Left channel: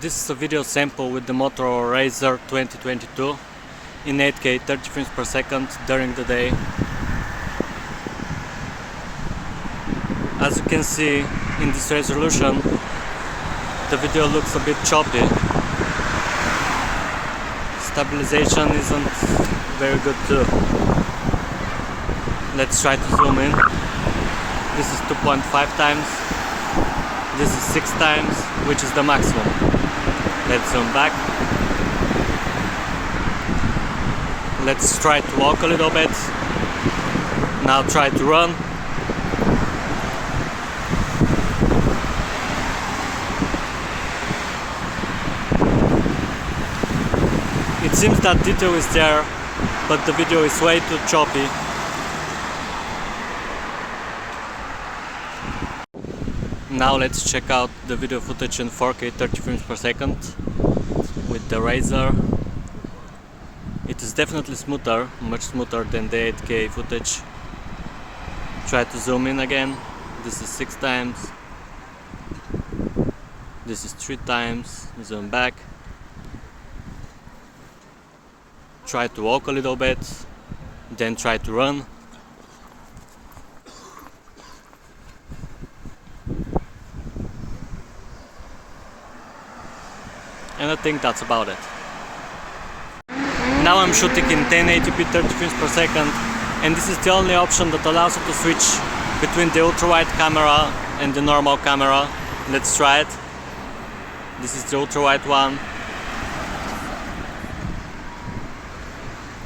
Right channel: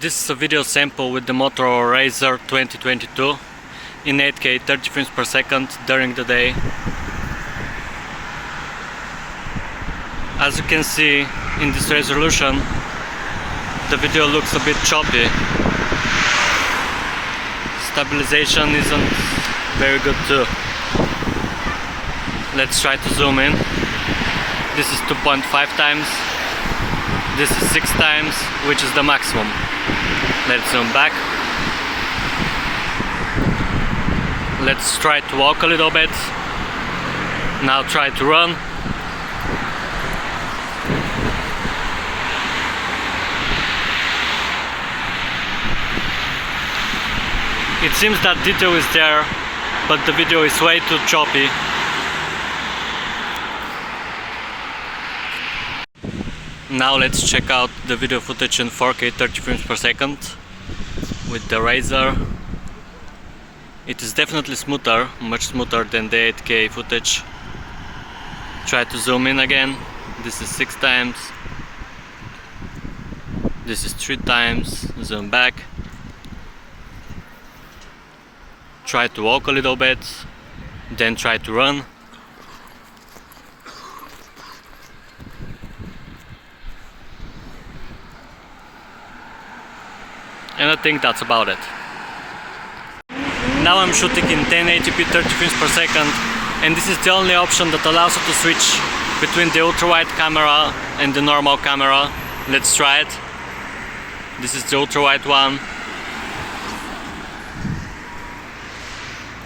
This is a video sample with the Motorola Razr 2022 in 8K 30 frames per second during the day. As you can see in this resolution, the video looks a bit choppy. Stabilization isn't very good too. Let's try to zoom in. This is 2.5 times. This is 6 times, which is the maximum. Let's zoom back. Let's try to walk a little bit. Now try to run. It seems that detail is there, but the video is way too choppy. Now let's check out the video footage in 4K 30 frames per second with the Razr. It is definitely smoother, much smoother than the 8K footage. Try to zoom in again. This is 6 times. This is 3 times. Zoom back. Try to walk a little bit, then try to run. And I think that's about it. Now I'm shooting in 1080p 30 frames per second, and this is the only option that allows you to switch between the ultra-wide camera and the normal camera. Let's try it. This is the ultra-wide one.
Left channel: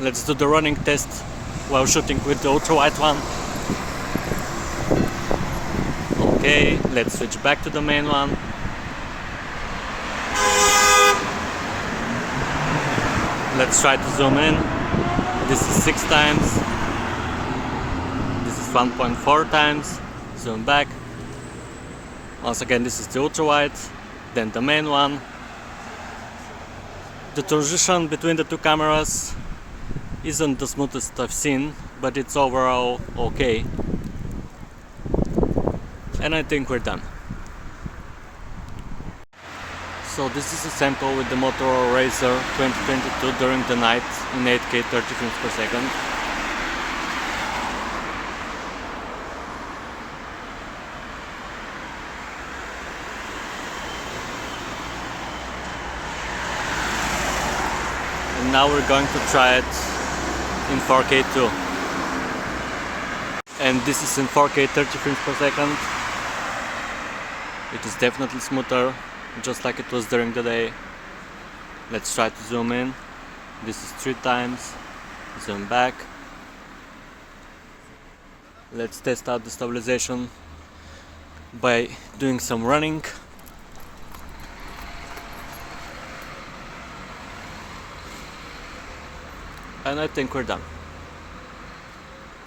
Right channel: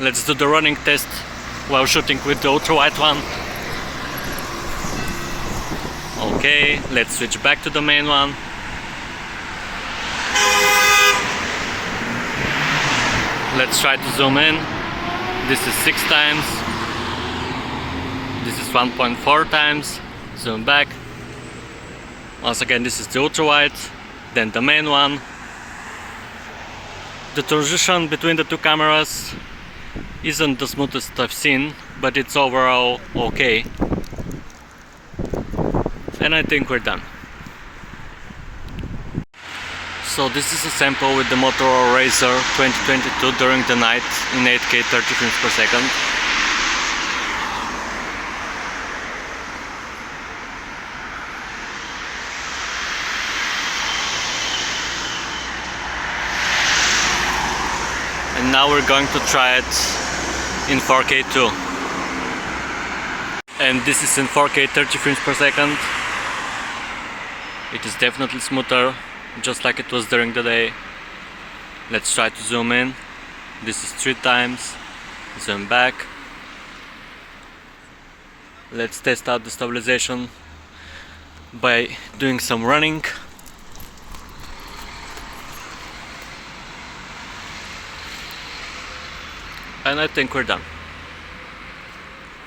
Let's do the running test while shooting with the ultra-wide one. Okay, let's switch back to the main one. Let's try to zoom in. This is 6 times. This is 1.4 times. Zoom back. Once again, this is the ultra-wide, then the main one. The transition between the two cameras isn't the smoothest I've seen, but it's overall okay. And I think we're done. So this is a sample with the Motorola Razr 2022 during the night in 8K 30 frames per second. And now we're going to try it in 4K too. And this is in 4K 30 frames per second. It is definitely smoother, just like it was during the day. Let's try to zoom in. This is 3 times. Zoom back. Let's test out the stabilization by doing some running. And I think we're done.